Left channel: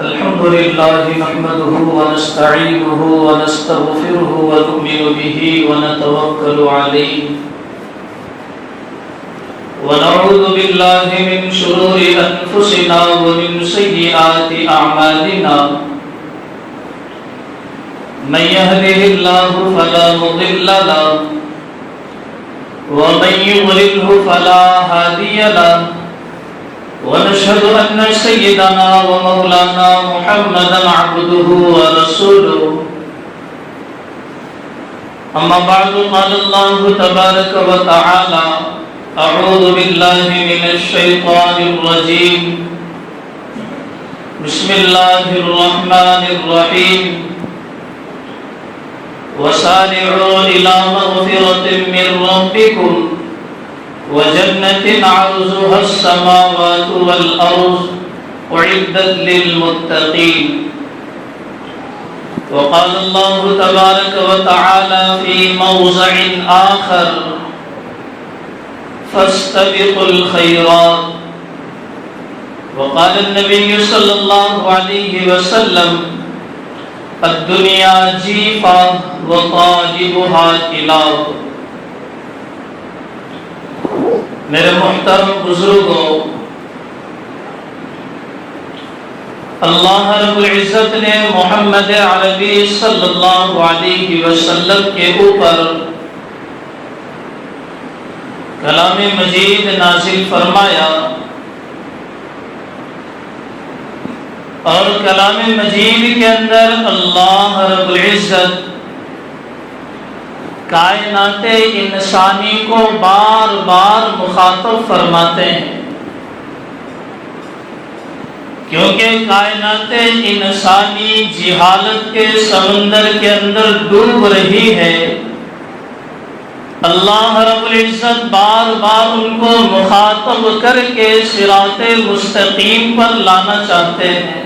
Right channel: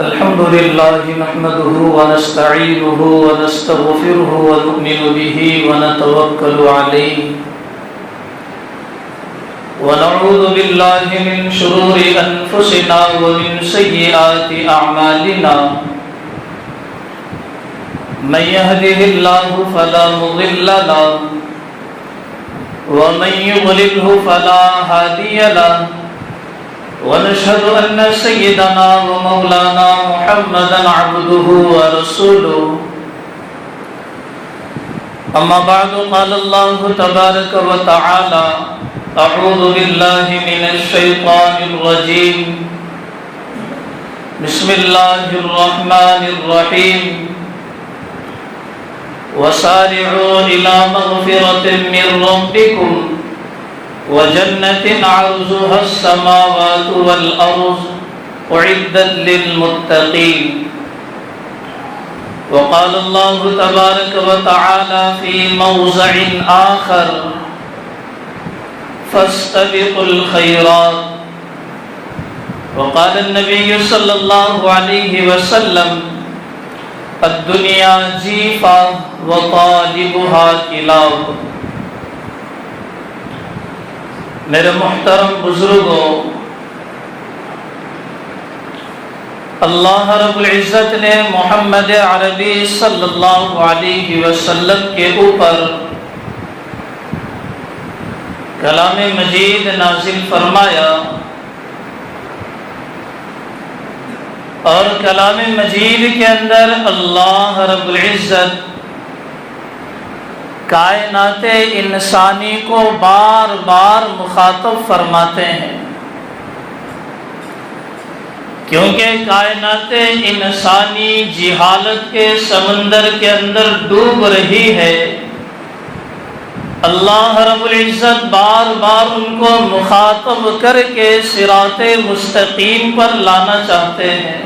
الحمد لله نحمده ونستعينه ونستغفره ونؤمن به ونتوكل عليه ونعوذ بالله من شرور أنفسنا ومن سيئات أعمالنا من يهده الله فلا مضل له ومن يضلله فلا هادي له ونشهد أن سيدنا ومولانا محمدا عبده ورسوله أما بعد قال الله تبارك وتعالى أعوذ بالله من الشيطان الرجيم بسم الله الرحمن الرحيم وسارعوا إلى مغفرة من ربكم وجنة عرضها السماوات والأرض أعدت للمتقين وقال الله تبارك وتعالى في موضع آخر فاستبقوا الخيرات وقال النبي صلى الله عليه وسلم الدنيا جیفا وطالبها کلاب۔ میرے محترم بزرگوں، اللہ رب العزت نے محمد عربی صلی اللہ علیہ وسلم کے اوپر کلام مجید نازل فرمایا، اور کلام مجید کے اندر اللہ رب العزت کائنات انسانی کو بار بار مخاطب فرماتے ہیں، کیونکہ کائنات انسانی جہالت کے سمندر کے اندر ڈوب رہی ہے۔ اللہ رب العزت بار بار ان کو مخاطب کر کے صراط مستقیم پر لانا چاہتے ہیں۔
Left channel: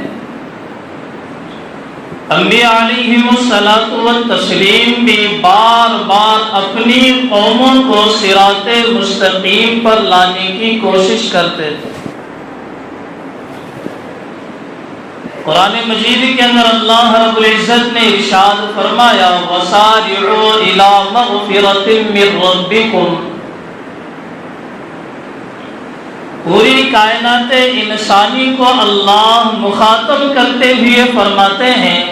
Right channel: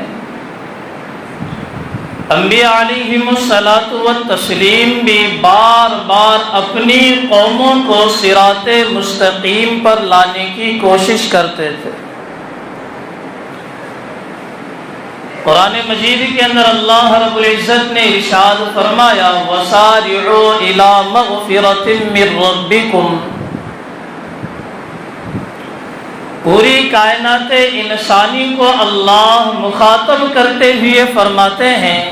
انبیاء علیہم الصلاۃ والتسلیم بھی بار بار اپنی قوموں کو صراط مستقیم پر لانے کی کوشش کرتے تھے۔ قرآن مجید کے اندر اللہ رب العزت نے ارشاد فرمایا وَسَارِعُوا إِلَى مَغْفِرَةٍ مِّن رَّبِّكُمْ۔ پوری کائنات انسانی کو اللہ مخاطب کرتے ہوئے فرماتے ہیں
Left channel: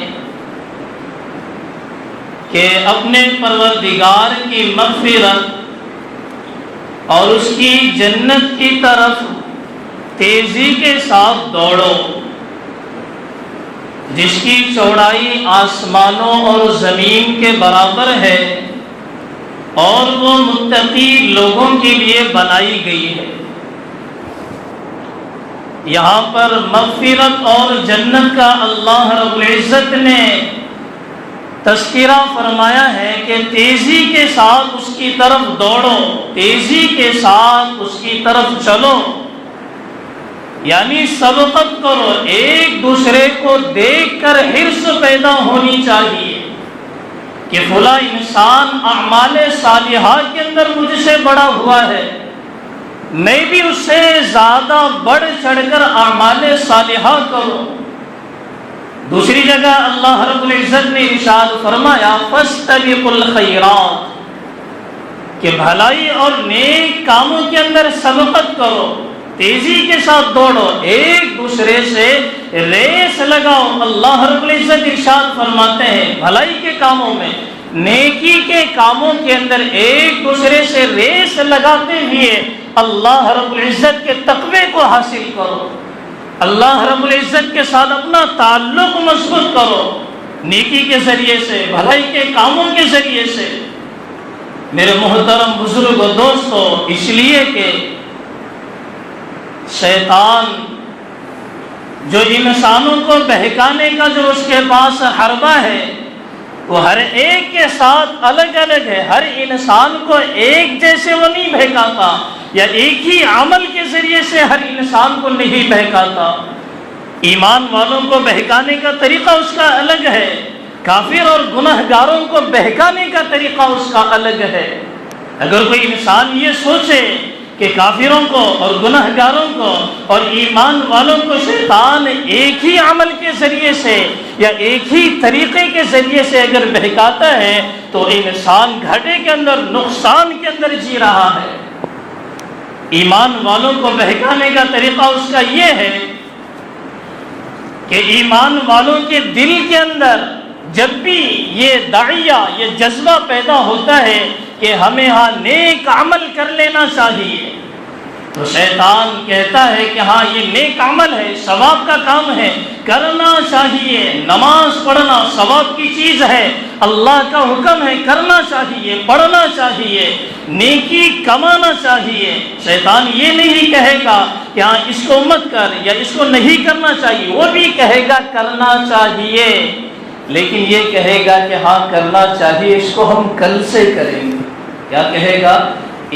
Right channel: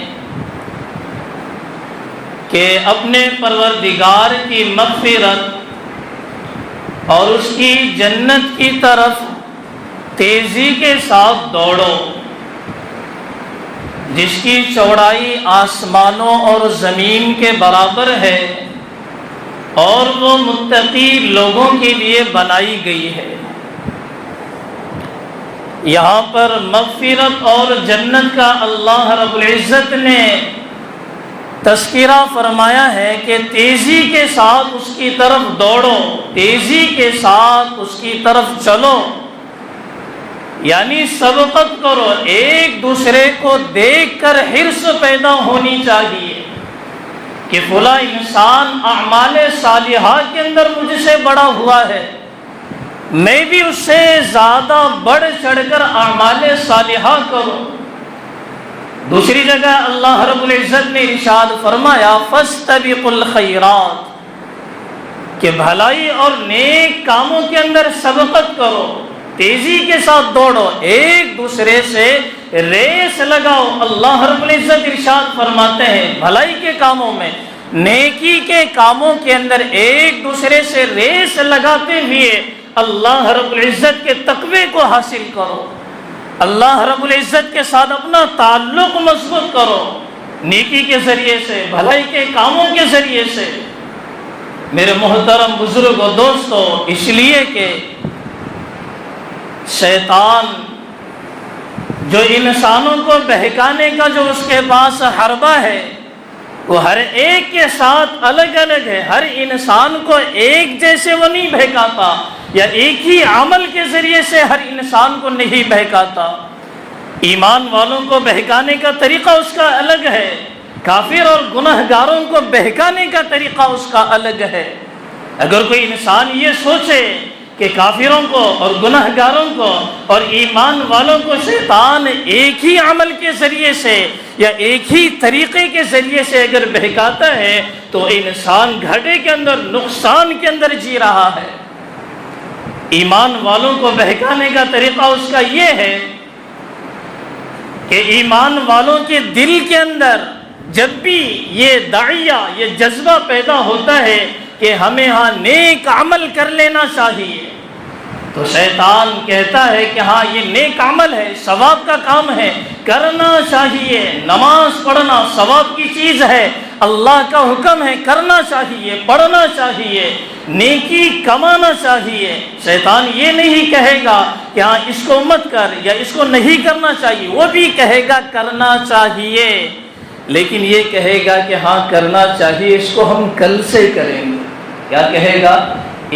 کہ اپنے پروردگار کی مغفرت اور اس کی جنت کی طرف تیزی کے ساتھ دوڑو، جس کی چوڑائی آسمانوں اور زمین کے برابر ہے، اور وہ متقی لوگوں کے لیے بنائی گئی ہے۔ یہاں پر مغفرت اور جنت کا اللہ رب العزت نے تذکرہ فرمایا ہے کہ تیزی کے ساتھ اس کی طرف دوڑو، تیزی کے ساتھ اس کی طرف چلو، یعنی سبقت کرو، ایک دوسرے کو دیکھ کر حرص پیدا ہونی چاہیے کہ فلاں انسان اعمال صالحہ کے اندر مجھ سے بڑا ہوا ہے، میں بھی اس سے زیادہ بڑھ چڑھ کر اعمال صالحہ کرو۔ دوسری جگہ اللہ رب العزت نے ارشاد فرمایا فاستبقوا الخیرات، کہ بھلائی اور نیک کاموں کے اندر سبقت کرو، تیزی کے ساتھ دوڑو، ایک دوسرے سے ریس لگاؤ۔ اللہ رب العزت ارشاد فرماتے ہیں بھلائی کے کاموں میں، نیکی کے کاموں کے اندر ایک دوسرے سے ریس لگاتے ہوئے اللہ رب العزت کے تقوی کو حاصل کرو، اللہ رب العزت کے ساتھ اپنا تعلق مضبوط کرو، نیکی کے ذریعے سے، بھلائی کے کاموں کے ذریعے سے۔ میرے محترم بزرگوں، دوستو، اس لیے کہ شیطان جو انسانوں کو بہکانے کا جو اس کے پاس حربہ ہے، وہ ہر ایک کے ساتھ الگ الگ ہے۔ ہر انسان کو ایک جیسے وہ نہیں بہکاتا، یا ایک ہی عمل کے ذریعے سے ہر انسان کو نہیں بہکاتا۔ ایمان والوں کو بہکانے کا طریقہ اس کا الگ ہے، کافر اور گنہگاروں کو بہکانے کا طریقہ اس کا الگ ہے۔ اگر کوئی انسان یہ سوچے کہ کافروں کو اور گناہگاروں کو اور ایمان والوں کو شیطان ایک ہی عمل کے ذریعے سے یا ایک ہی طریقے کے ذریعے سے اگر بہکاتا ہے تو انسان گھاٹے کے اندر، نقصان کے اندر جی رہا ہے۔ ایمان والوں کو بہکانے کا طریقہ اس کا یہ ہے کہ ایمان والوں کے دل کے اندر جب بھی یہ داعیہ، یہ جذبہ پیدا ہوتا ہے کہ ہمیں ہاں نیک عمل کر لینا چاہیے، تو شیطان کہتا ہے کہ ہاں یہ نیک عمل ہے، ثواب کا کام ہے، کرنا چاہیے، نماز پڑھنا ثواب کی چیز ہے، اللہ کا حکم ہے، کرنا چاہیے، پڑھنا چاہیے، نیکی کمانا چاہیے۔ شیطان یہ نہیں کہے گا کہ ہاں اس کو مت کر یا اس کو نہیں کرنا چاہیے، وہ بھی کہے گا کرنا چاہیے، لیکن یہ کہے گا کہ ہاں کرنا چاہیے، اس کو ہم کل سے کریں گے۔ کیا کہے گا؟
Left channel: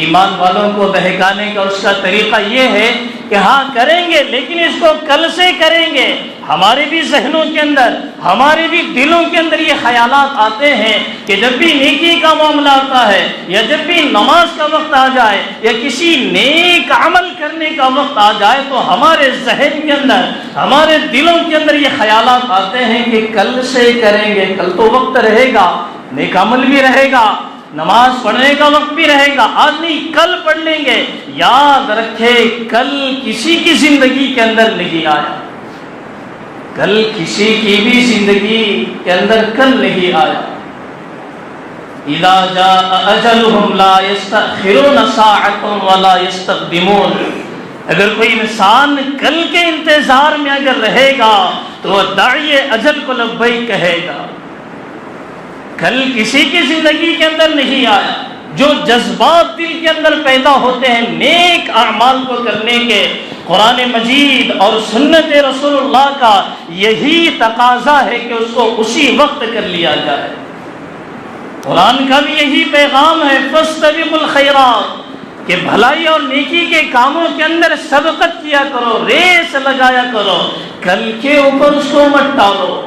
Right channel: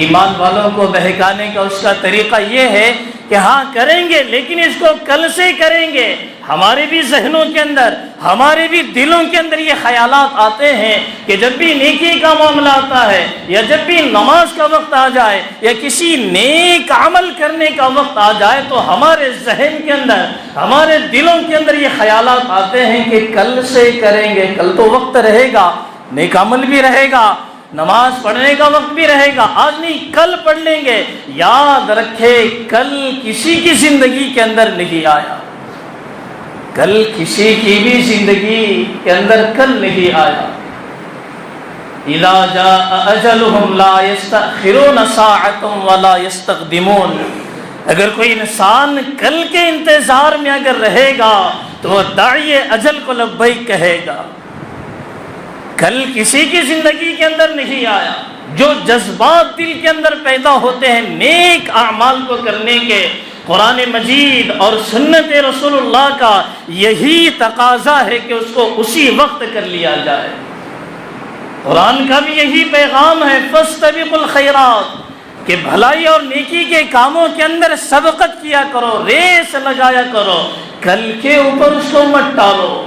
ایمان والوں کو بہکانے کا اس کا طریقہ یہ ہے کہ ہاں کریں گے لیکن اس کو کل سے کریں گے۔ ہمارے بھی ذہنوں کے اندر، ہمارے بھی دلوں کے اندر یہ خیالات آتے ہیں کہ جب بھی نیکی کا معاملہ آتا ہے یا جب بھی نماز کا وقت آ جائے یا کسی نیک عمل کرنے کا وقت آ جائے تو ہمارے ذہن کے اندر، ہمارے دلوں کے اندر یہ خیالات آتے ہیں کہ کل سے کریں گے، کل تو وقت رہے گا، نیک عمل بھی رہے گا، نماز پڑھنے کا وقت بھی رہے گا، آج نہیں کل پڑھ لیں گے۔ یاد رکھے کل کسی کی زندگی کے اندر نہیں آیا، کل کسی کی بھی زندگی کے اندر کل نہیں آیا۔ اذا جاء اجلهم لا يستأخرون ساعة ولا يستقدمون۔ اگر کوئی انسان کل کے انتظار میں اگر رہے گا تو وہ داعی اجل کو لبیک کہے گا۔ کل کسی کی زندگی کے اندر نہیں آیا۔ جو جذبات دل کے اندر پیدا ہوتے ہیں نیک اعمال کو کرنے کے، قرآن مجید اور سنت رسول اللہ کا یہی تقاضا ہے کہ اس کو اسی وقت کر لیا جائے۔ قرآن کا بھی یہی پیغام ہے، فاستبقوا الخیرات، کہ بھلائی اور نیکی کے کاموں کے اندر سبقت کیا کرو، ریس لگایا کرو، کل کے اوپر اس کو مت ٹالو،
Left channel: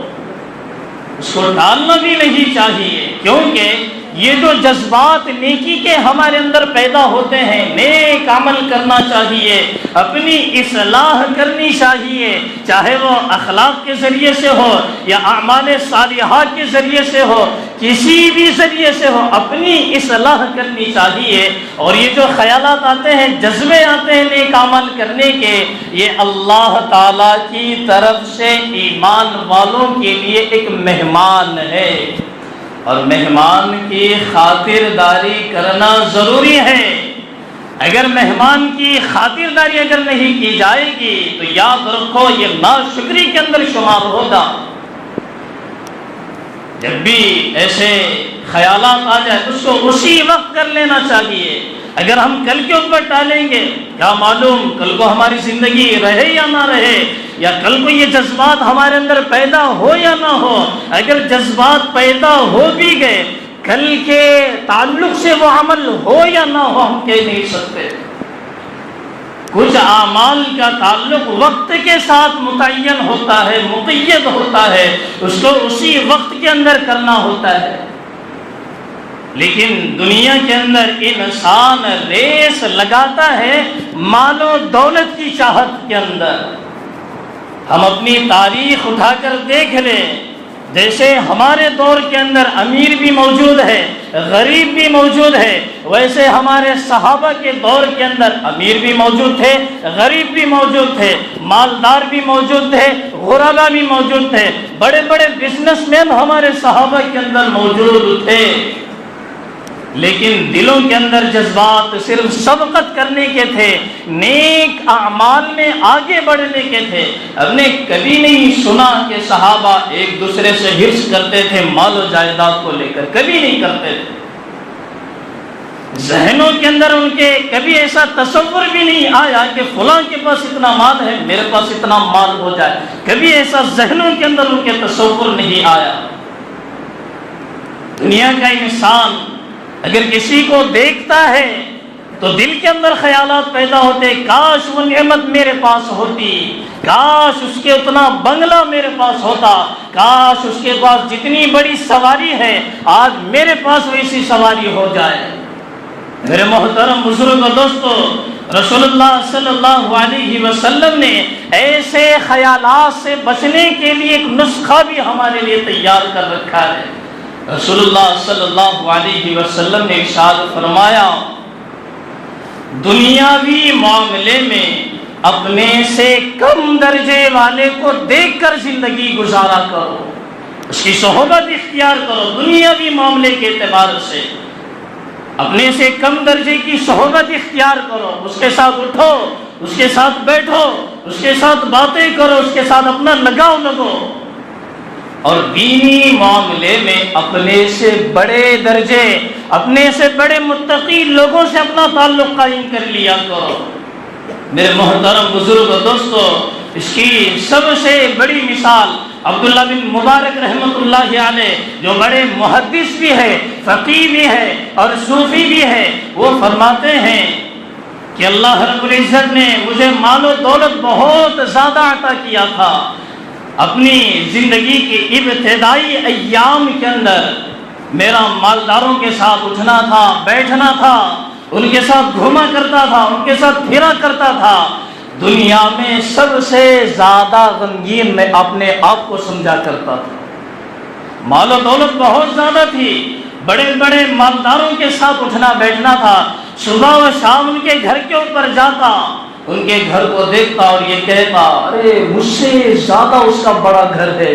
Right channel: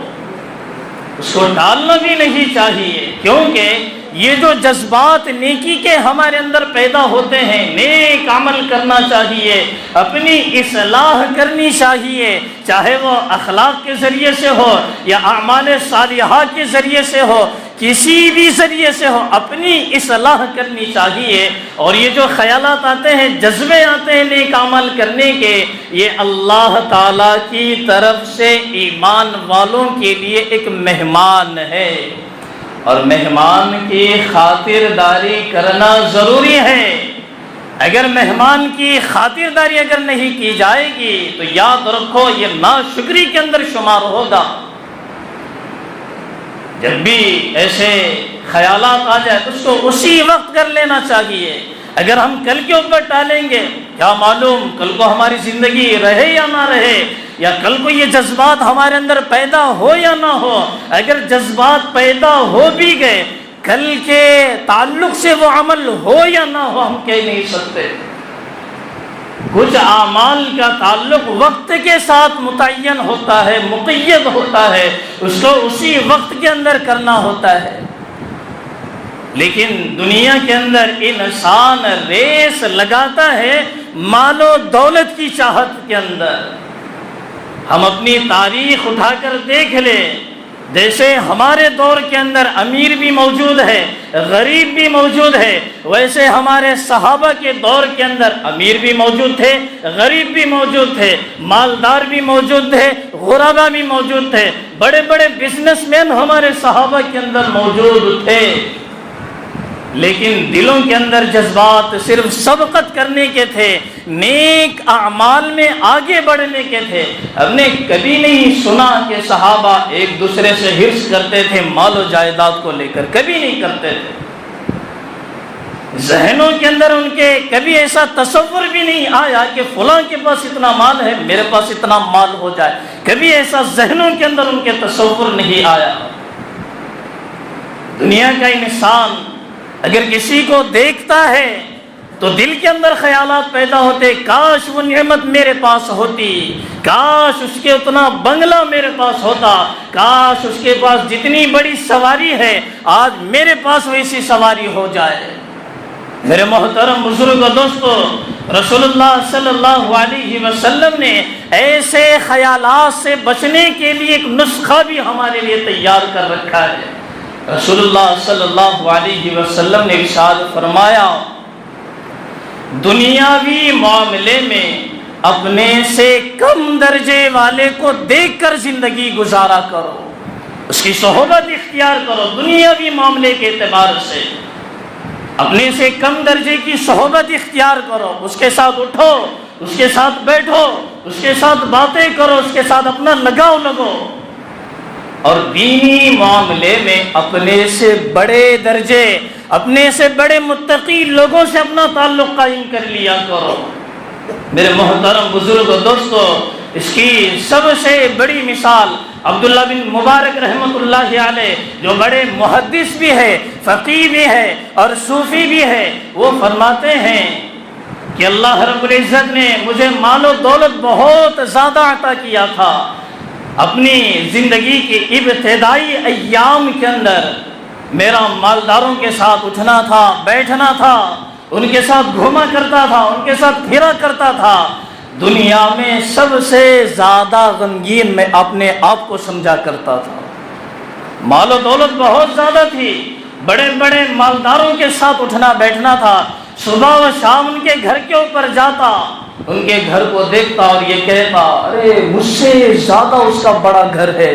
اس کو ڈالنا بھی نہیں چاہیے، کیونکہ یہ جو جذبات نیکی کے ہمارے اندر پیدا ہوتے ہیں، نیک عمل کرنا چاہیے، اپنی اصلاح کرنی چاہیے، چاہے وہ اخلاق کے ذریعے سے ہو یا اعمال صالحات کے ذریعے سے ہو، کسی بھی ذریعے سے ہو، اپنی اصلاح کرنی چاہیے۔ اور یہ جو خیالات آتے ہیں، جذبے آتے ہیں نیک عمل کرنے کے، یہ اللہ تعالی کی طرف سے ایمان والوں کے لیے ایک مہمان ہے، اور مہمان کی خاطرداری کرنا ضروری ہے۔ اگر مہمان کی خاطرداری اگر نہیں کی جائے گی تو یاد رکھو یہ ناشکری کے اندر شمار ہوگا۔ جب بھی ایسے خیالات آ جائے اس کو اسی وقت کر لینا چاہیے۔ اگر ہم کل کے اوپر ٹالیں گے، کیا معلوم کل کو ہماری زندگی رہے یا نہ رہے، یا کل کو یہ جذبات ہمارے اندر پیدا ہو یا نہ ہو۔ اگر جذبات پیدا ہو بھی گئے، کل کے تعلق سے وہ عمل ہو یا نہ ہو ہم کہہ نہیں سکتے۔ کچھ اعمال کا تعلق وقت کے ساتھ متعین ہوتا ہے، مقید ہوتا ہے، اس کو اسی وقت کے اندر کرنا ہوتا ہے۔ لیکن دنیا کے اندر انسان ریس لگاتا ہے مال و دولت کی چاہت کے اندر۔ ہم اپنی تاریخ اٹھا کر دیکھ لیں، جیسے ہمارے دور کے اندر امیر بھی موجود ہے، غریب بھی موجود ہے، ویسے ہمارے صحابہ کے دور کے اندر امیر بھی موجود تھے، غریب بھی موجود تھے، مالدار بھی موجود تھے، غربا بھی موجود تھے، بڑے بڑے بزنس مین ہمارے صحابہ کے اندر موجود تھے۔ لیکن دلوں کے اندر جذبات صرف سبقت کرنے کے تھے، نیک اعمال میں آگے بڑھنے کے تھے۔ ہم نے کبھی نہیں سنا کہ صحابہ ایک دوسرے سے حرص کرتے تھے مال و جائیداد کو لے کر، کبھی نہیں کرتے تھے۔ ذہنوں کے اندر ان کے کبھی ایسا تصور بھی نہیں آیا کہ فلاں کے پاس اتنا مال ہے میرے پاس اتنا مال ہو جائے، کبھی ایسا ذہنوں کے اندر ان کے تصور نہیں آیا۔ دنیا کا انسان اگر کسی کو دیکھتا ہے تو دل کے اندر خیالات پیدا ہوتے، کاش وہ نعمت میرے پاس ہوتی، کاش اس کے اتنا بنگلہ میرے پاس ہوتا، کاش اس کے پاس جتنی بڑی سواری ہے آج میرے پاس ویسی سواری ہو جائے۔ میرے محترم بزرگ و دوستو، رسول اللہ صلی اللہ علیہ وسلم نے ایسے خیالات سے بچنے کے لیے ایک نسخہ بھی ہمارے لیے تیار کر رکھا ہے۔ رسول اللہ صلی اللہ علیہ وسلم نے ارشاد فرمایا، دنیاوی معاملے میں اپنے سے کم درجے والے کو دیکھ کر زندگی گزارا کرو، اس کی صحبت اختیار کرو۔ دنیاوی معاملے کے اعتبار سے اپنے سے کم درجے کی صحبت اختیار کرو، اس کے ساتھ اٹھو، اس کے ساتھ بیٹھو، اس کے ساتھ باتیں کرو، اس کے ساتھ اپنا لگاؤ لگو۔ اور دینی معاملے میں اپنے سے بڑے درجے، اپنے سے بڑے متقی لوگوں سے اپنا تعلق قائم کر لیا کرو۔ میرے محترم بزرگ و دوستو، اس کی سب سے بڑی مثال عبداللہ بن مبارک رحمۃ اللہ علیہ، جو بڑے محدث بھی ہے، فقیہ بھی ہے اور صوفی بھی ہے، وہ فرماتے ہیں کہ اللہ رب العزت نے مجھے مال و دولت بہت زیادہ عطا کیا تھا۔ اپنی زندگی کی ابتدائی ایام کے اندر میرا مالداروں کے ساتھ اٹھنا تھا، بیٹھنا تھا، ان کے ساتھ گھوما کرتا تھا، ان کے ساتھ پھرا کرتا تھا۔ دنیا میں سب سے زیادہ غمگین میں اپنے آپ کو سمجھا کرتا تھا۔ مال و دولت بہت زیادہ تھی، بڑے بڑے مالداروں کے ساتھ اٹھنا بیٹھنا تھا، صبح و شام ان کے گھر کے اوپر جاتا، ان کے گھر کو دیکھتا اور یہ کہتا، ارے مجھ سے زیادہ اس کا بڑا گھر ہے۔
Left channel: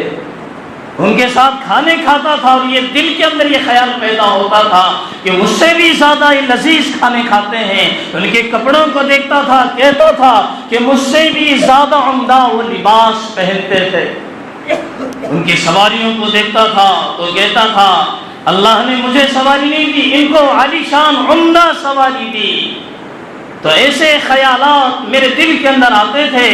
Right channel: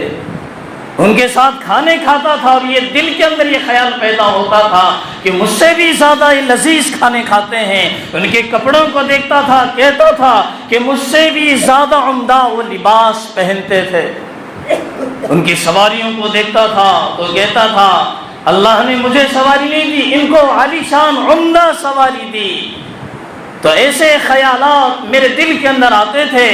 ان کے ساتھ کھانے کھاتا تھا اور یہ دل کے اندر یہ خیال پیدا ہوتا تھا کہ مجھ سے بھی زیادہ لذیذ کھانے کھاتے ہیں۔ ان کے کپڑوں کو دیکھتا تھا، کہتا تھا کہ مجھ سے بھی زیادہ عمدہ وہ لباس پہنتے تھے۔ ان کی سواریوں کو دیکھتا تھا تو کہتا تھا، اللہ نے مجھے سواری نہیں دی، ان کو عالی شان عمدہ سواری دی۔ تو ایسے خیالات میرے دل کے اندر آتے تھے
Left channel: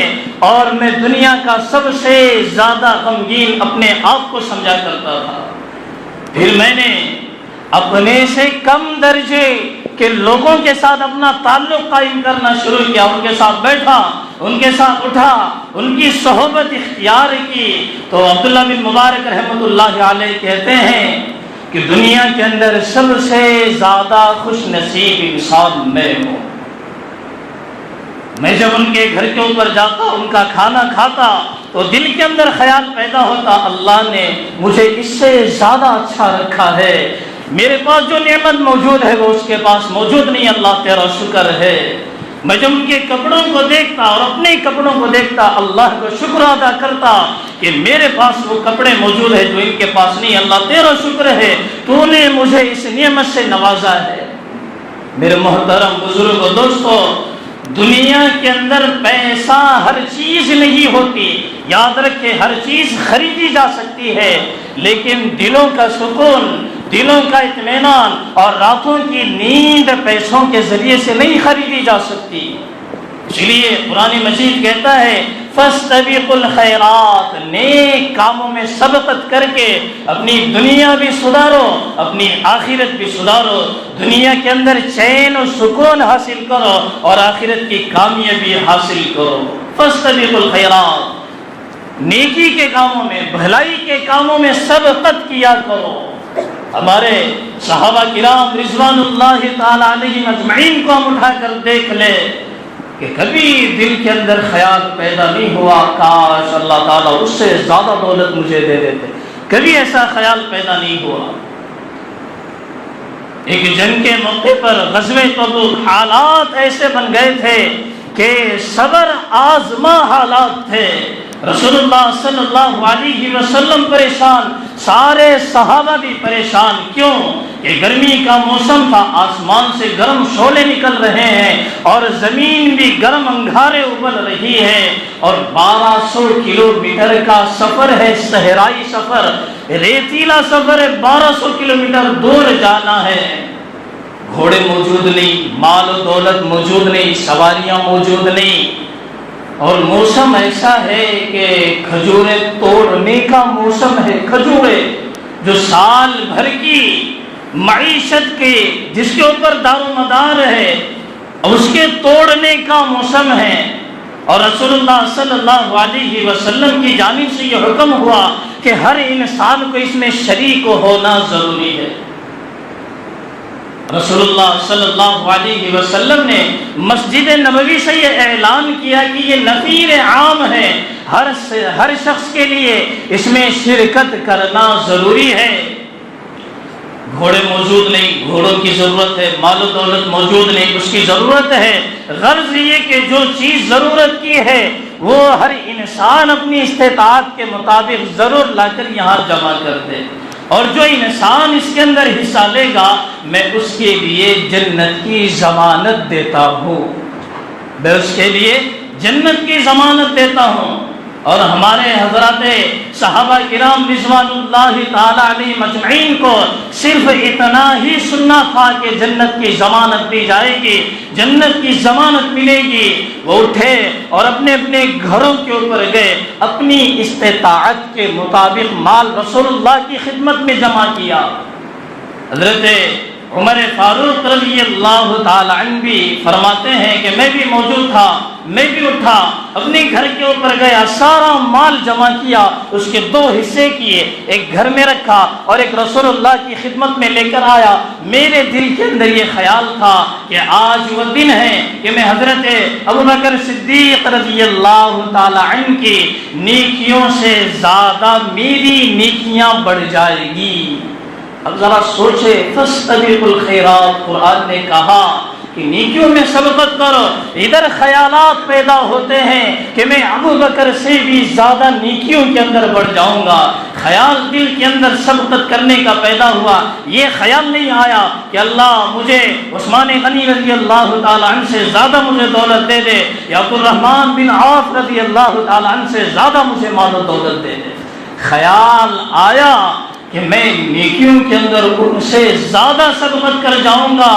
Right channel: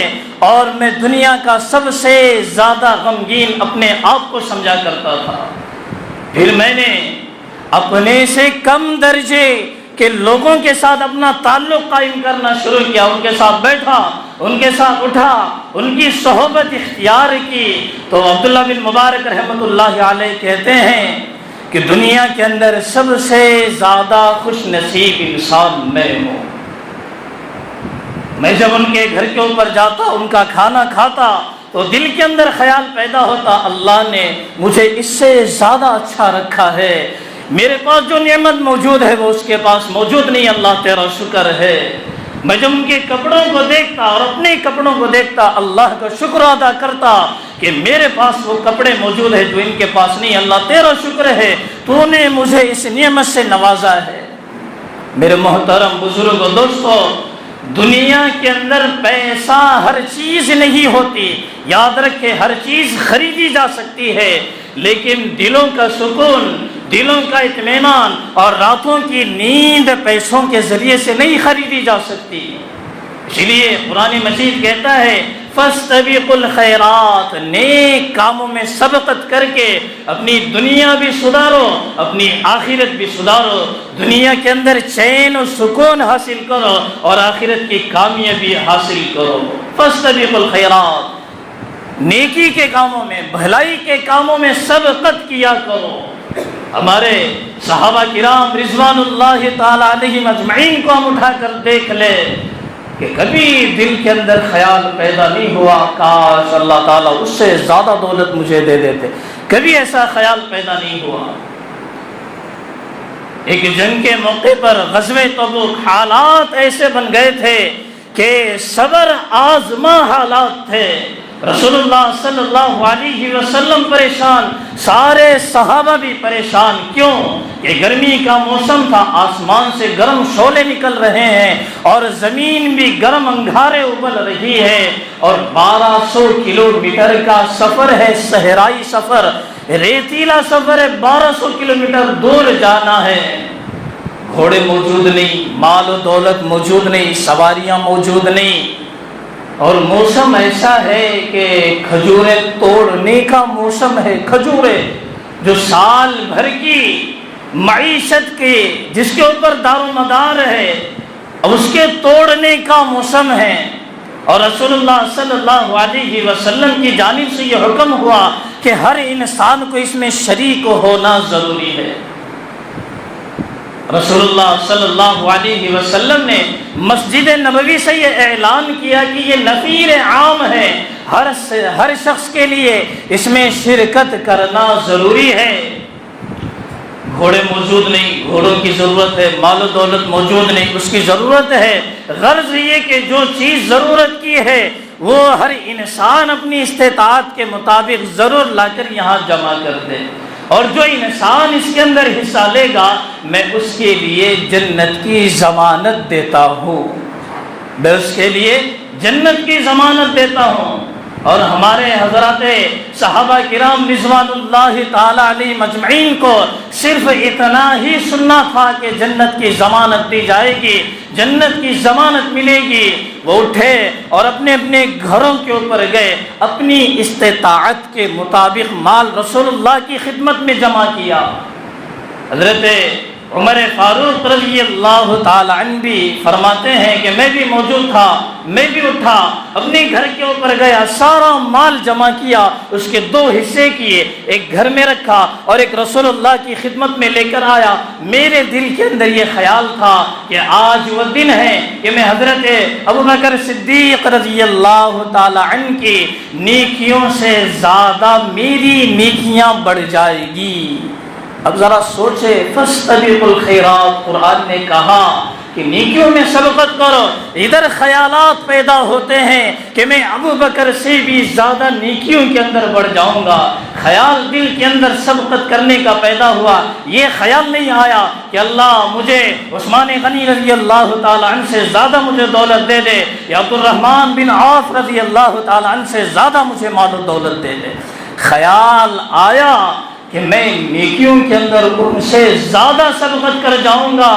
اور میں دنیا کا سب سے زیادہ غمگین اپنے آپ کو سمجھا کرتا تھا۔ پھر میں نے اپنے سے کم درجے کے لوگوں کے ساتھ اپنا تعلق قائم کرنا شروع کیا، ان کے ساتھ بیٹھا، ان کے ساتھ اٹھا، ان کی صحبت اختیار کی۔ تو عبداللہ بن مبارک رحمۃ اللہ علیہ کہتے ہیں کہ دنیا کے اندر سب سے زیادہ خوش نصیب انسان میں ہوں۔ میں جب ان کے گھر کے اوپر جاتا، ان کا کھانا کھاتا تو دل کے اندر خیال پیدا ہوتا، اللہ نے مجھے اس سے زیادہ اچھا رکھا ہے، میرے پاس جو نعمت موجود ہے وہ اس کے پاس موجود نہیں، اللہ تیرا شکر ہے۔ میں جب ان کے کپڑوں کو دیکھتا اور اپنے کپڑوں کو دیکھتا، اللہ کو شکر ادا کرتا کہ میرے پاس وہ کپڑے موجود ہیں جو ان کے پاس نہیں، اللہ تیرا شکر ہے، تو نے مجھے اس نعمت سے نوازا ہے۔ میرے محترم بزرگ و دوستو، دنیا کے اندر پیسہ ہر چیز نہیں ہوتی، یاد رکھے ہر چیز خریدی جا سکتی ہے، لیکن دلوں کا سکون، دلوں کا اطمینان اور راتوں کی نیند پیسوں کے ذریعے سے نہیں خریدی جا سکتی۔ اس لیے قرآن مجید کہتا ہے، فَاسْتَبِقُوا الْخَيْرَاتِ، نیک کاموں میں سبقت کر کے اپنی دنیا بھی سدھارو، اپنی آخرت بھی سدھارو، دنیا کے اندر چین و سکون حاصل کرو اور آخرت کی کامیابی حاصل کرو۔ فَاسْتَبِقُوا الْخَيْرَاتِ، نیکی کے کاموں میں، بھلائی کے کاموں میں سبقت کیا کرو۔ ہمارے صحابہ کرام رضوان اللہ تعالی علیہم اجمعین کو ہم اٹھا کر دیکھ لے کہ کبھی دل کے اندر خیال پیدا نہیں ہوا کاش اللہ تعالیٰ اس سے زیادہ دولت مجھے دے دیتے، کبھی ایسا خیال پیدا نہیں ہوا۔ ایک جنگ کے موقع پر غزوہ تبوک حالات ایسے بن گئے تھے کہ صبر آزما حالات تھے، رسول اللہ صلی اللہ علیہ وسلم پریشان، سارے صحابہ بھی پریشان۔ کیوں کہ گرمی کا موسم تھا، آسمان سے گرم شعلے نکل رہے ہیں اور زمین بھی گرم انگارے ابل رہی ہے، اور 1200 کلومیٹر کا سفر ہے، صحرائی سفر، ریتیلا سفر ہے، 1200 کلومیٹر دور جانا ہے۔ گھوڑے موجود نہیں، مال و دولت موجود نہیں، سواریاں موجود نہیں، اور موسم ایسا ہے کہ کھجوریں توڑنے کا موسم ہے۔ کھجوریں جو سال بھر کی معیشت کے، جس کے اوپر دار و مدار ہے، اس کے توڑنے کا موسم ہے، اور رسول اللہ صلی اللہ علیہ وسلم کی جانب سے یہ حکم ہوا کہ ہر انسان کو اس میں شریک ہونا ضروری ہے۔ رسول اللہ صلی اللہ علیہ وسلم نے مسجد نبوی سے یہ اعلان کیا کہ یہ نفیر عام ہے، ہر شخص کے لیے اس میں شرکت کرنا ضروری ہے۔ گھوڑے موجود نہیں، گھوڑوں کی ضرورت ہے، مال و دولت موجود نہیں، اس کی ضرورت ہے۔ غرض یہ کہ جو چیز ضرورت کی ہے وہ ہر انسان اپنی استطاعت کے مطابق ضرور لا کر یہاں جمع کر دے، اور جو انسان اس کے اندر حصہ لے گا میں اس کے لیے جنت کی ضمانت دیتا ہوں، میں اس کے لیے جنت کی ضمانت دیتا ہوں۔ اور ہمارے حضرات صحابہ کرام رضوان اللہ تعالی علیہ مجمعین کو صرف اتنا ہی سننا تھا کہ جنت کی ضمانت دی جائے گی، جنت کی ضمانت ملے گی۔ وہ اٹھے اور اپنے اپنے گھروں کے اوپر گئے، اپنی استطاعت کے مطابق مال رسول اللہ کی خدمت میں جمع کیا۔ حضرت عمر فاروق رضی اللہ تعالی عنہ بھی فرماتے ہیں کہ میں بھی موجود تھا، میں بھی اٹھا، اپنے گھر کے اوپر گیا، سارا مال جمع کیا، اس کے دو حصے کیے، ایک گھر میں رکھا اور ایک رسول اللہ کی خدمت میں لے کر آیا۔ میرے دل کے اندر یہ خیال تھا کہ آج وہ دن ہے کہ میں حضرت ابوبکر صدیق رضی اللہ تعالی عنہ کی نیکیوں سے زیادہ میری نیکیاں بڑھ جائے گی۔ اب ذرا سوچے، فاستبقوا الخیرات، قرآن نے کہا کہ نیکیوں میں سبقت کرو۔ ادھر خیالات پیدا ہوتے ہیں کہ میں ابوبکر سے بھی زیادہ نیکیوں کے اندر بڑھ جاؤں گا، خیال دل کے اندر سبقت کرنے کا پیدا ہوا۔ یہ خیال نہیں آیا کہ اللہ مجھے عثمان غنی رضی اللہ تعالی عنہ سے زیادہ مجھے دولت دے دے، یا عبد الرحمن بن عوف رضی اللہ تعالی عنہ سے زیادہ مجھے مال و دولت دے دے۔ خیال آیا کہ میں نیکیوں کے اندر ان سے زیادہ سبقت کر جاؤں گا۔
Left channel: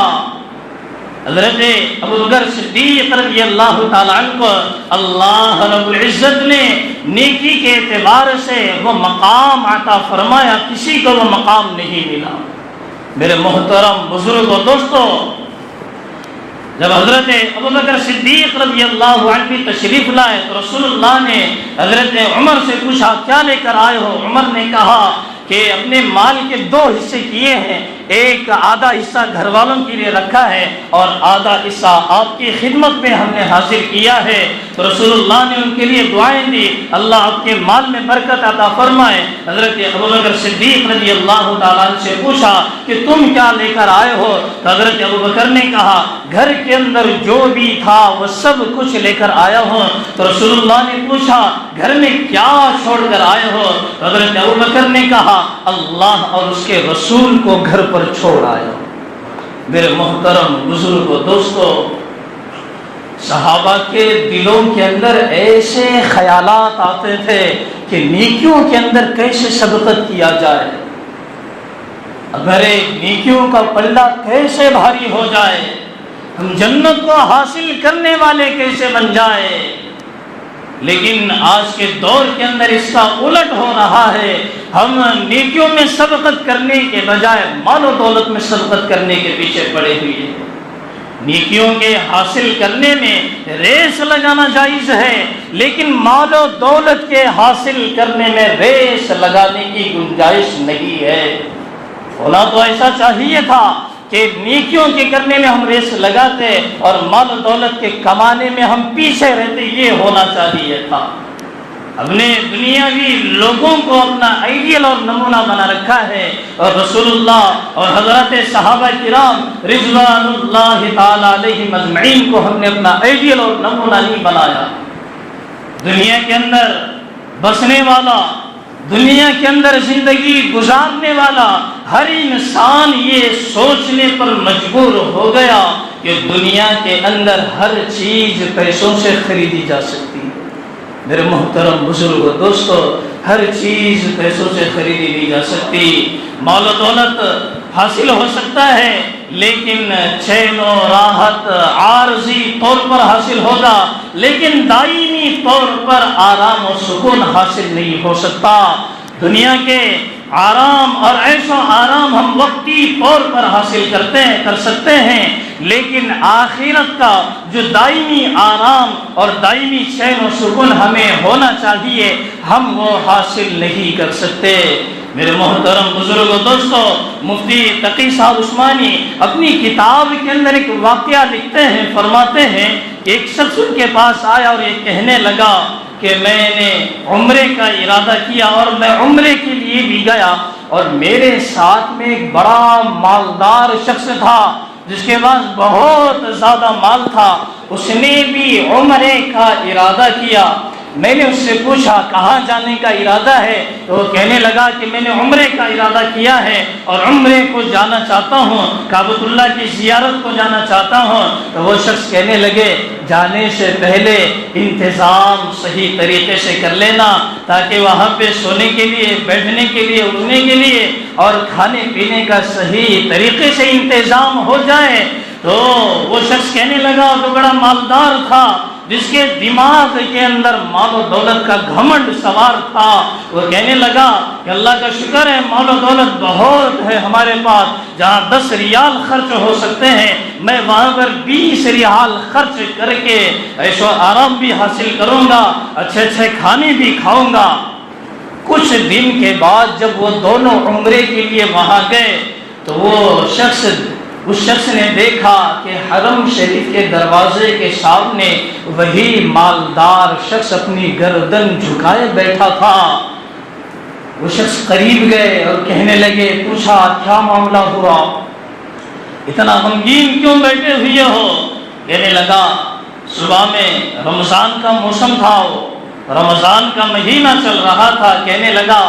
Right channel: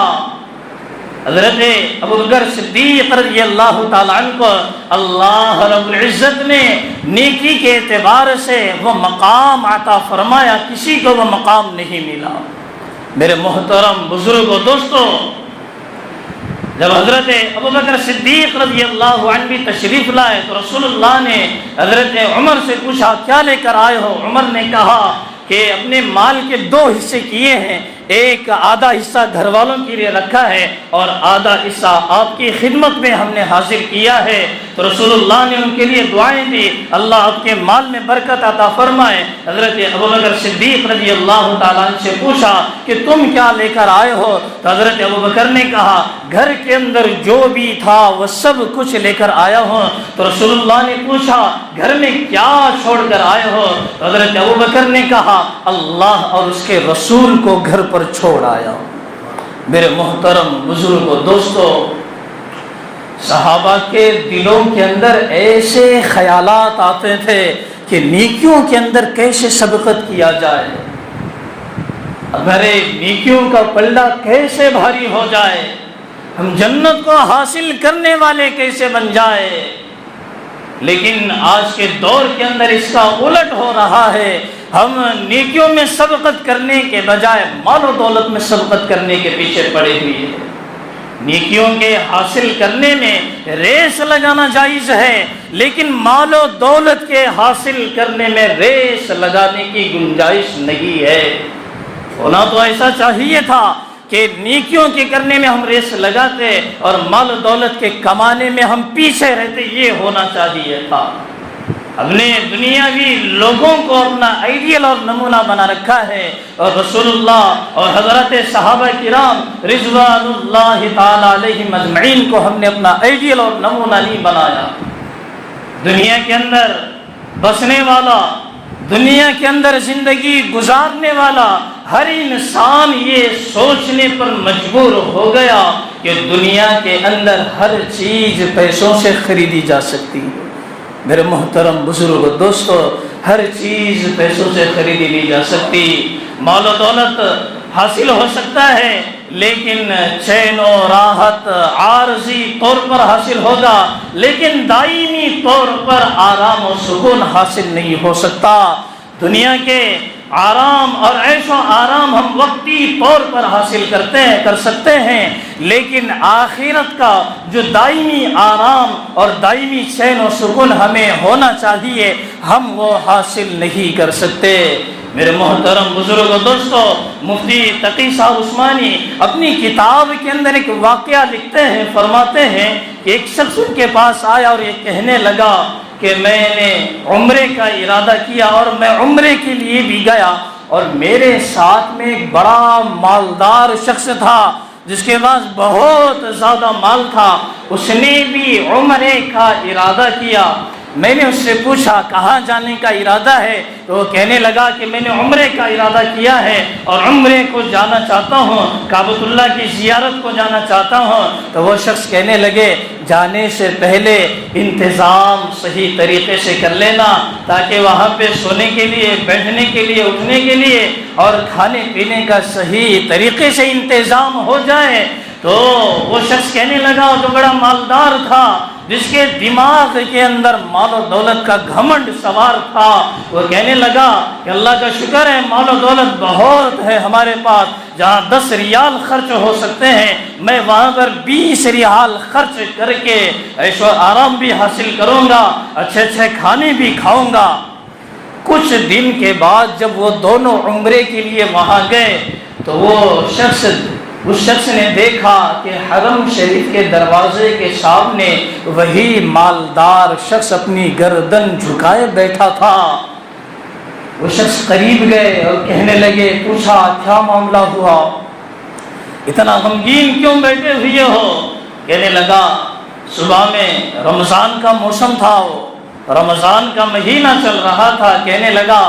حضرت ابوبکر صدیق رضی اللہ تعالی عنہ کو اللہ رب العزت نے نیکی کے اعتبار سے وہ مقام عطا فرمایا، کسی کو وہ مقام نہیں ملا۔ میرے محترم بزرگ و دوستو، جب حضرت ابوبکر صدیق رضی اللہ عنہ بھی تشریف لائے تو رسول اللہ نے حضرت عمر سے پوچھا کیا لے کر آئے ہو؟ عمر نے کہا کہ اپنے مال کے دو حصے کیے ہیں، ایک آدھا حصہ گھر والوں کے لیے رکھا ہے اور آدھا حصہ آپ کی خدمت میں ہم نے حاصل کیا ہے۔ تو رسول اللہ نے ان کے لیے دعائیں دی، اللہ آپ کے مال میں برکت عطا فرمائے۔ حضرت ابوبکر صدیق رضی اللہ تعالیٰ عنہ سے پوچھا کہ تم کیا لے کر آئے ہو؟ تو حضرت ابوبکر نے کہا گھر کے اندر جو بھی تھا وہ سب کچھ لے کر آیا ہوں۔ تو رسول اللہ نے پوچھا گھر میں کیا چھوڑ کر آئے ہو؟ تو حضرت ابوبکر نے کہا اللہ اور اس کے رسول کو گھر پر چھوڑ آیا۔ میرے محترم بزرگ و دوستو، صحابہ کے دلوں کے اندر ایسے خیالات آتے تھے کہ نیکیوں کے اندر کیسے سبقت کیا جائے، اگر نیکیوں کا پلہ کیسے بھاری ہو جائے، ہم جنت کو حاصل کرنے والے کیسے بن جائے۔ لیکن آج کے دور کے اندر اس کا الٹ ہو رہا ہے، ہم نیکیوں میں سبقت کرنے کے بجائے مال و دولت میں سبقت کرنے کے پیچھے پڑے ہوئے ہیں۔ نیکیوں کے حاصل کرنے میں ریس لگانا جائز ہے، لیکن مال و دولت کے حاصل کرنے میں ریس لگانے کی گنجائش نہیں ہے۔ ہونا تو ایسا چاہیے تھا کہ نیکیوں کے کرنے میں ہم ریس لگاتے اور مال و دولت کے کمانے میں ہم پیچھے رہتے، یہ ہونا چاہیے تھا۔ ہم نے دنیاوی لوگوں کو اپنا آئیڈیل اور نمونہ بنا رکھا ہے، اور رسول اللہ اور حضرت صحابہ کرام رضوان اللہ تعالی علیہم اجمعین کو ہم نے اپنا آئیڈیل اور نمونہ نہیں بنایا۔ دنیا کے اندر بسنے والا، دنیا کے اندر زندگی گزارنے والا ہر انسان یہ سوچنے پر مجبور ہو گیا کہ دنیا کے اندر ہر چیز پیسوں سے خریدی جا سکتی ہے۔ میرے محترم بزرگ دوستو، ہر چیز پیسوں سے خریدی نہیں جا سکتی۔ مال و دولت حاصل ہو سکتا ہے لیکن چین و راحت عارضی طور پر حاصل ہوگا، لیکن دائمی طور پر آرام و سکون حاصل نہیں ہو سکتا۔ دنیا کے آرام اور عیش و آرام ہم وقتی طور پر حاصل کر سکتے ہیں، لیکن آخرت کا جو دائمی آرام اور دائمی چین و سکون ہمیں ہونا چاہیے ہم وہ حاصل نہیں کر سکتے۔ میرے محترم بزرگ و دوستو، مفتی تقی صاحب عثمانی اپنی کتاب کے اندر ایک واقعہ لکھتے ہیں، فرماتے ہیں کہ ایک شخص ان کے پاس آیا اور یہ کہنے لگا کہ میں نے عمرے کا ارادہ کیا اور میں عمرے کے لیے بھی گیا، اور میرے ساتھ میں ایک بڑا مالدار شخص تھا جس کے پاس بہت زیادہ مال تھا، اس نے بھی عمرے کا ارادہ کیا۔ میں نے اس سے پوچھا کہاں جانے کا ارادہ ہے، تو وہ کہنے لگا کہ میں نے عمرے کا ارادہ کیا ہے اور عمرے کو جانا چاہتا ہوں، کعبۃ اللہ کی زیارت کو جانا چاہتا ہوں۔ تو وہ شخص کہنے لگے جانے سے پہلے انتظام صحیح طریقے سے کر لینا، تاکہ وہاں پہ سونے کے لیے، بیٹھنے کے لیے، اٹھنے کے لیے اور کھانے پینے کا صحیح طریقے سے انتظام ہو جائے۔ تو وہ شخص کہنے لگا، وہ بڑا مالدار تھا جس کے دماغ کے اندر مال و دولت کا گھمنڈ سوار تھا، وہ کہنے لگا کہ اللہ کا شکر ہے مال و دولت بہت ہے ہمارے پاس، جہاں 10 ریال خرچ ہو سکتے ہیں میں وہاں پر 20 ریال خرچ کر کے عیش و آرام بھی حاصل کروں گا، اچھے اچھے کھانے بھی کھاؤں گا۔ کچھ دن کے بعد جب وہ دونوں عمرے کے لیے وہاں گئے تو اس شخص نے دیکھا کہ حرم شریف کے دروازے کے سامنے وہی مالدار شخص اپنی گردن جھکائے بیٹھا تھا۔ وہ شخص قریب گئے اور کہنے لگے، پوچھا کیا معاملہ ہوا، اتنا غمگین کیوں بیٹھے ہوئے ہو؟ کہنے لگا صبح میں رمضان کا موسم تھا، رمضان کا مہینہ چل رہا تھا، کہنے لگا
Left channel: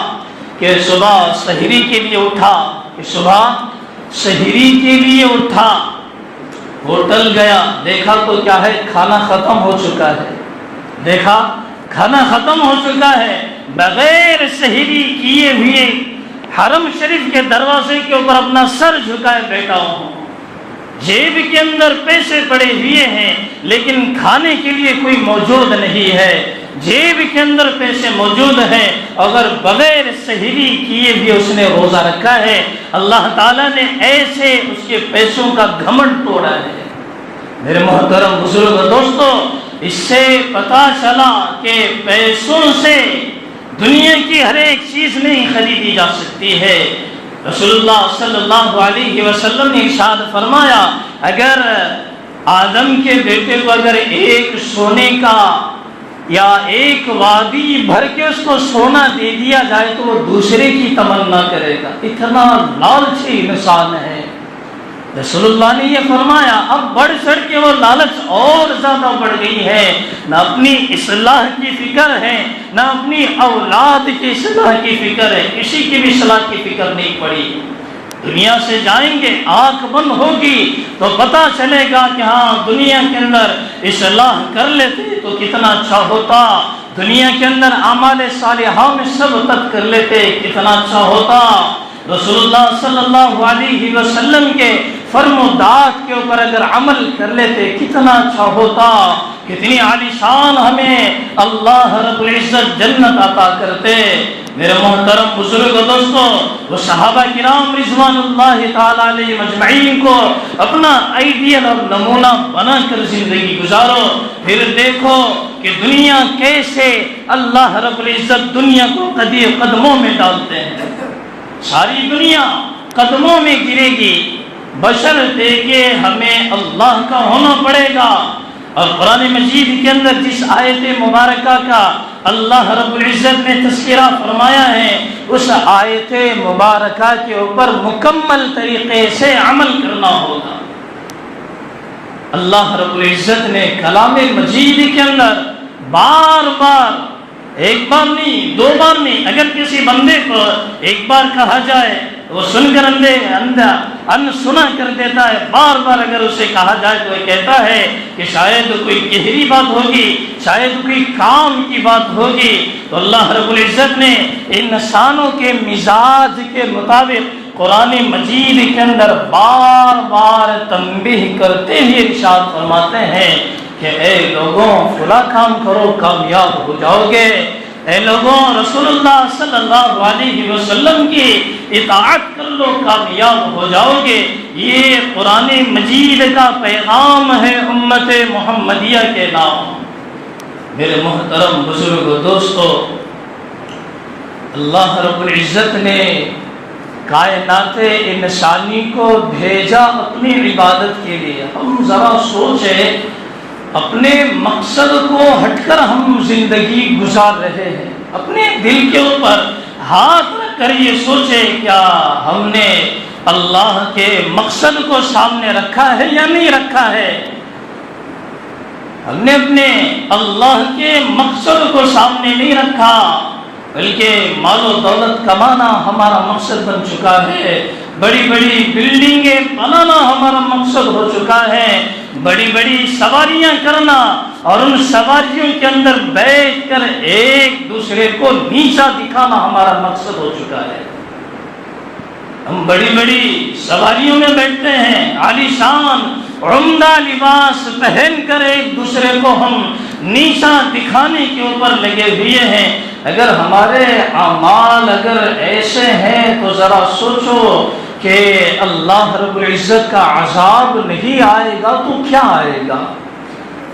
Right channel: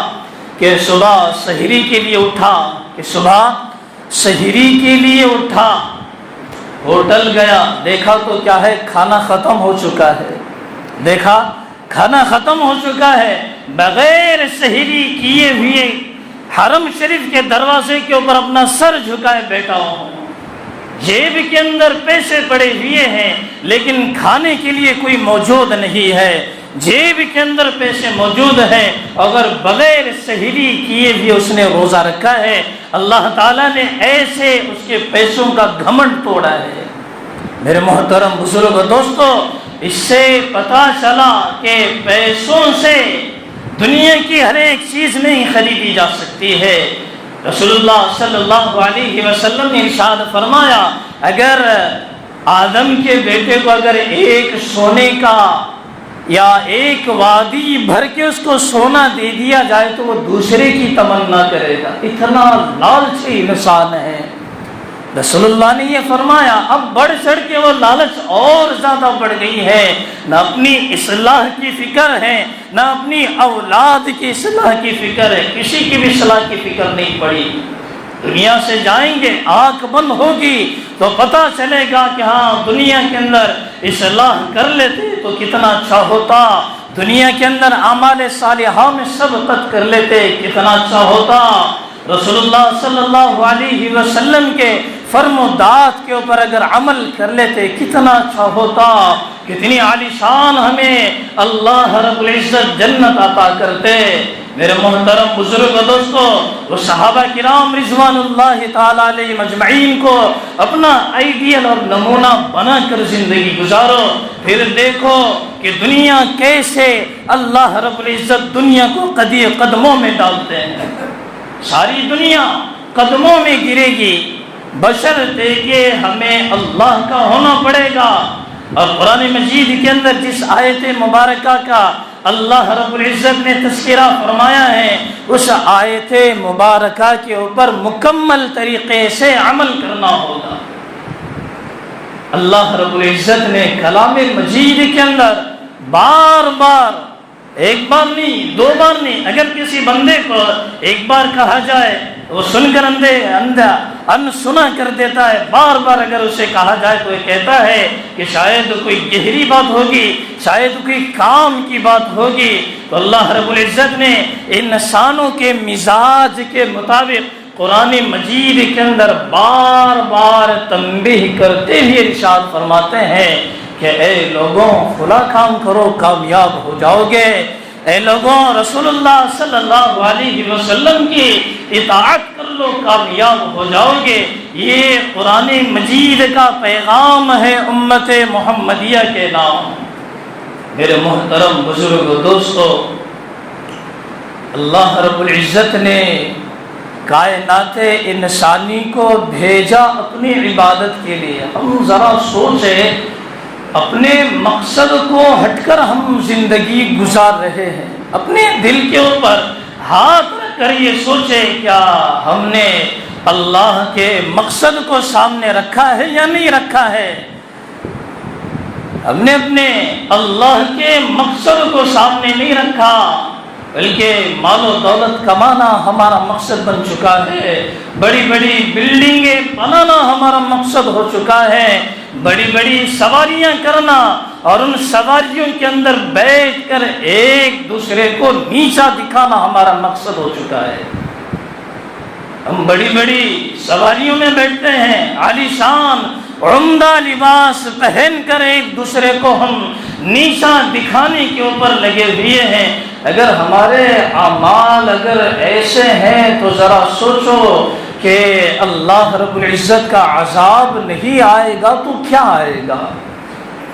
کہ صبح سحری کے لیے اٹھا، سحری کے لیے اٹھا، ہوٹل گیا، دیکھا تو کیا ہے کھانا ختم ہو چکا ہے، بغیر سحری کیے ہوئے حرم شریف کے دروازے کے اوپر اپنا سر جھکائے بیٹھا ہوں، جیب کے اندر پیسے پڑے ہوئے ہیں لیکن کھانے کے لیے کوئی موجود نہیں ہے، جیب کے اندر پیسے موجود ہیں، اگر بغیر سحری کیے بھی اس نے روزہ رکھا ہے، اللہ تعالیٰ نے ایسے اس کے پیسوں کا گھمنڈ توڑا ہے۔ میرے محترم بزرگ دوستو، اس سے پتا چلا کہ پیسوں سے دنیا کی ہر ایک چیز نہیں خریدی جا سکتی ہے۔ رسول اللہ صلی اللہ علیہ وسلم نے ارشاد فرمایا، اگر آدم کے بیٹے کو اگر ایک سونے کا یا ایک وادی بھر کے اس کو سونا دے دیا جائے تو وہ دوسرے کی تمنا کرے گا، اتنا لالچی انسان ہے۔ رسول اللہ نے یہ فرمایا، اب بڑھ چڑھ کے وہ لالچ اور زیادہ بڑھ گئی ہے، نہ اپنی اصلاح کی فکر ہے، نہ اپنی اولاد کی اصلاح کی فکر ہے، کسی کی بھی اصلاح کی فکر نہیں پڑی۔ دنیا سے جائیں گے، آنکھ بند ہوگی تو پتا چلے گا کہ ہاں دنیا کے اندر اصلاح کر لیتے تو کتنا اچھا ہوتا، دنیا کے اندر اعمال صالحہ میں سبقت کر لیتے کتنا اچھا ہوتا، رسول اللہ صلی اللہ علیہ وسلم کے فرم و دعات کے اوپر اگر عمل کر لیتے کتنا اچھا ہوتا، کتنی عالی شان ہمیں اللہ رب العزت جنت عطا کرتے۔ میرے محترم بزرگ دوستو، وہ صحابہ کرام رضوان اللہ تعالیٰ علیہ مجمعین کو اپنا آئیڈیل اور نمونہ بنا کر زندگی گزارو، پھر دیکھو کہ دنیا کیسے اللہ رب العزت دنیا کو قدموں میں ڈالتے ہیں، ساری دنیا قدموں میں گرے گی، بشرطے کہ ہمیں اللہ کا ہونا پڑے گا۔ اور قرآن مجید کے اندر جس آیت مبارکہ کا اللہ رب العزت نے تذکرہ فرمایا ہے، اس آیت مبارکہ کے اوپر مکمل طریقے سے عمل کرنا ہوگا۔ اللہ رب العزت نے کلام مجید کے اندر بار بار، ایک بار نہیں، دو بار نہیں، اگر کسی بندے کو ایک بار کہا جائے وہ سن کر سنا کر دیتا ہے، بار بار اگر اسے کہا جائے تو وہ کہتا ہے کہ شاید کوئی گہری بات ہوگی، شاید کوئی کام کی بات ہوگی۔ تو اللہ رب العزت نے انسانوں کے مزاج کے مطابق قرآن مجید کے اندر بار بار تنبیہ کرتے ہوئے ارشاد فرماتے ہیں کہ اے لوگوں فلاں کام کرو کامیاب ہو جاؤ گے، اے لوگوں رسول اللہ صلی اللہ علیہ وسلم کی اطاعت کر لو کامیاب ہو جاؤ گے۔ یہ قرآن مجید کا پیغام ہے امت محمدیہ کے نام۔ میرے محترم بزرگ و دوستو، اللہ رب العزت نے کائنات انسانی کو بھیجا اپنی عبادت کے لیے. ہم ذرا سوچیں اپنے مقصد کو ہٹ کر ہم زندگی گزار رہے ہیں. اپنے دل کے اوپر ہاتھ رکھ کر یہ سوچیں کیا ہم نے اللہ کے مقصد کو سامنے رکھا ہے یا نہیں رکھا ہے. ہم نے اپنے اللہ کے مقصد کو سامنے نہیں رکھا بلکہ مال و دولت کمانا ہمارا مقصد بن چکا ہے. بڑی بڑی بلڈنگیں بنانا ہمارا مقصد ہو چکا ہے. بڑی بڑی سواریاں کرنا اور ان سواریوں کے اندر بیٹھ کر ایک دوسرے کو نیچا دکھانا ہمارا مقصد ہو چکا ہے. ہم بڑی بڑی سواریوں میں بیٹھتے ہیں, عالی شان عمدہ لباس پہن کر ایک دوسرے کو ہم نیچا دکھانے کے اوپر لگے ہوئے ہیں. اگر ہمارے اعمال اگر ایسے ہیں تو ذرا سوچو کہ اللہ رب العزت کا عذاب نہیں آئے گا تو کیا آئے گا.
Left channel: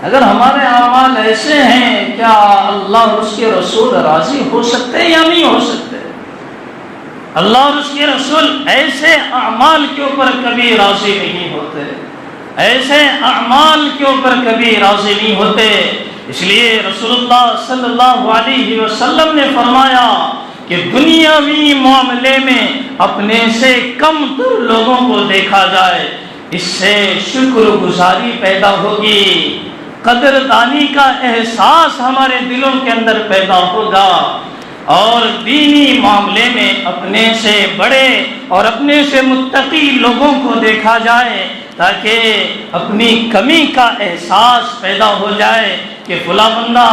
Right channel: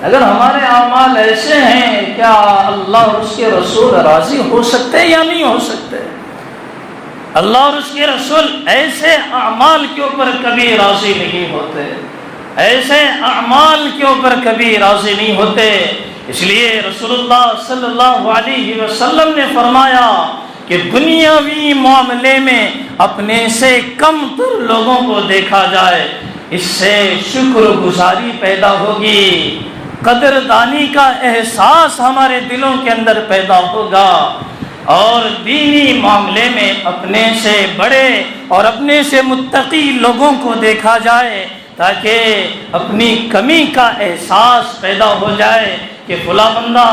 اگر ہمارے اعمال ایسے ہیں کیا اللہ اور اس کے رسول راضی ہو سکتے یا نہیں ہو سکتے. اللہ اور اس کے رسول ایسے اعمال کے اوپر کبھی راضی نہیں ہوتے, ایسے اعمال کے اوپر کبھی راضی نہیں ہوتے. اس لیے رسول اللہ صلی اللہ علیہ وسلم نے فرمایا کہ دنیاوی معاملے میں اپنے سے کم تر لوگوں کو دیکھا جائے, اس سے شکر گزاری پیدا ہوگی, قدردانی کا احساس ہمارے دلوں کے اندر پیدا ہوگا. اور دینی معاملے میں اپنے سے بڑے اور اپنے سے متقی لوگوں کو دیکھا جائے تاکہ اپنی کمی کا احساس پیدا ہو جائے کہ فلاں بندہ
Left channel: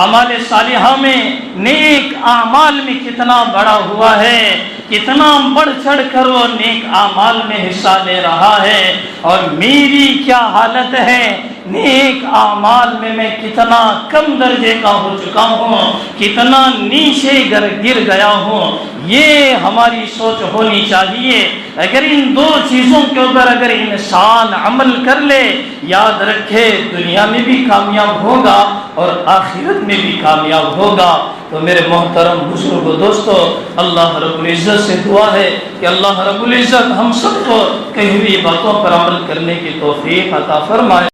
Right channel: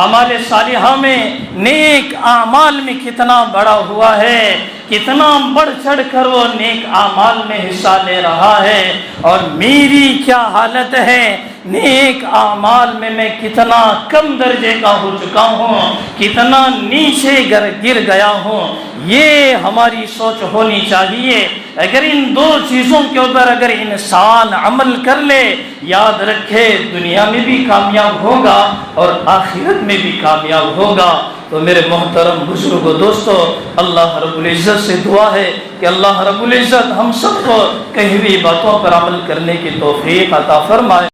اعمال صالحہ میں نیک اعمال میں کتنا بڑا ہوا ہے, کتنا بڑھ چڑھ کر وہ نیک اعمال میں حصہ لے رہا ہے, اور میری کیا حالت ہے, نیک اعمال میں کتنا کم درجے کا ہو چکا ہوں, کتنا نیچے گر گیا ہوں. یہ ہماری سوچ ہونی چاہیے. اگر ان دو چیزوں کے اوپر اگر انسان عمل کر لے, یاد رکھے دنیا میں بھی کامیاب ہوگا اور آخرت میں بھی کامیاب ہوگا. تو میرے محترم بزرگ و دوستو, اللہ رب العزت سے دعا ہے کہ اللہ رب العزت ہم سب کو کہی ہوئی باتوں پر عمل کرنے کی توفیق عطا فرمائے.